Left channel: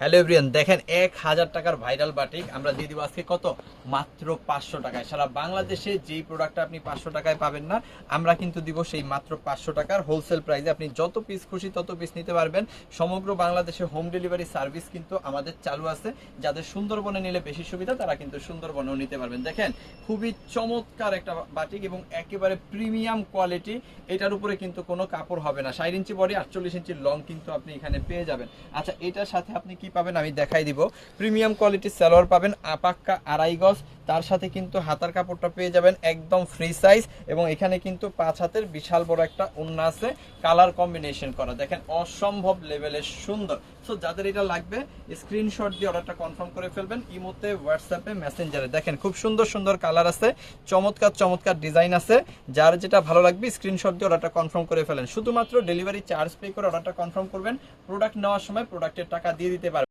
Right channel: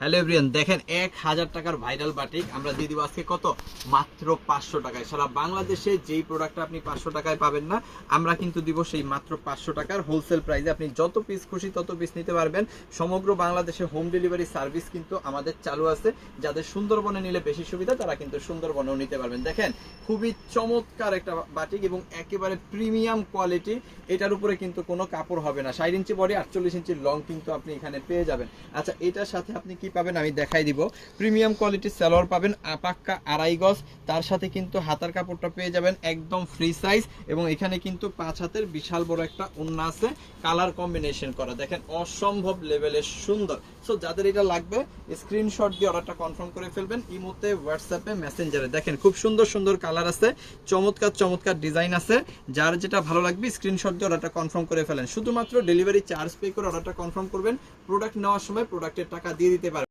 Hello everyone, দেখেন 1000 টাকার viral batik আমরা দিয়ে দিব আজকে কত, মাত্র 500 টাকায়। সারা বাংলাদেশে যেই প্রোডাক্টটা আপনি 500 টাকায় পাবেন না, আমরা কিন্তু দিব সেই মাত্র 500 টাকার হোলসেল প্রাইসে। আপনি যত পিস খুশি তত পিস নিতে পারবেন। সমগ্র বাংলাদেশে হোম ডেলিভারি সার্ভিস কিন্তু আমাদের চালু আছে। যাদের সুন্দরবনে নিলে বেশি সুবিধা, তারা কিন্তু সুন্দরবনেও নিতে পারবেন। দেখেন খুবই চমৎকার একটা বাটিক এবং একেবারে প্রিমিয়াম কোয়ালিটি। এটার উপরে কিন্তু কোনো কাপড় হবে না। 60 ইঞ্চি বডি, 48 ইঞ্চি লং কিন্তু আপনি এখানে পেয়ে যাবেন। আচ্ছা, এটার সাথে আপনি কি পাবেন আমি দেখাই দিব। প্রিমিয়াম কোয়ালিটির সালোয়ার পাবেন, আপাক্কা 2.5 গজ। তার সাথে কিন্তু হাতার কাপড়টা পেয়ে যাবেন একদম ফ্রি সাইজ, এবং এখানে কিন্তু 5 হাতের বিশাল বড় একটা ওড়না আছে, কালার কম্বিনেশন করা। দেখেন অসম্ভব লেভেলের সুন্দর। সো যাদের এটা লাগবে স্ক্রিনশট দিয়ে অর্ডারটা কনফার্ম করে ফেলবেন ইমোতে, হোয়াটসঅ্যাপে, মেসেঞ্জারে। দেখেন খুব সুন্দর সুন্দর কালার আছে, চমৎকার চমৎকার ডিজাইন আছে। যার যেটা ভালো লাগবে স্ক্রিনশট দিয়ে অর্ডারটা কনফার্ম করে ফেলেন। শুধুমাত্র ডেলিভারি চার্জ পে করে অর্ডারটা কনফার্ম করবেন। প্রোডাক্ট নেওয়ার সময় প্রোডাক্টের টাকা দিয়ে দিতে পারবেন।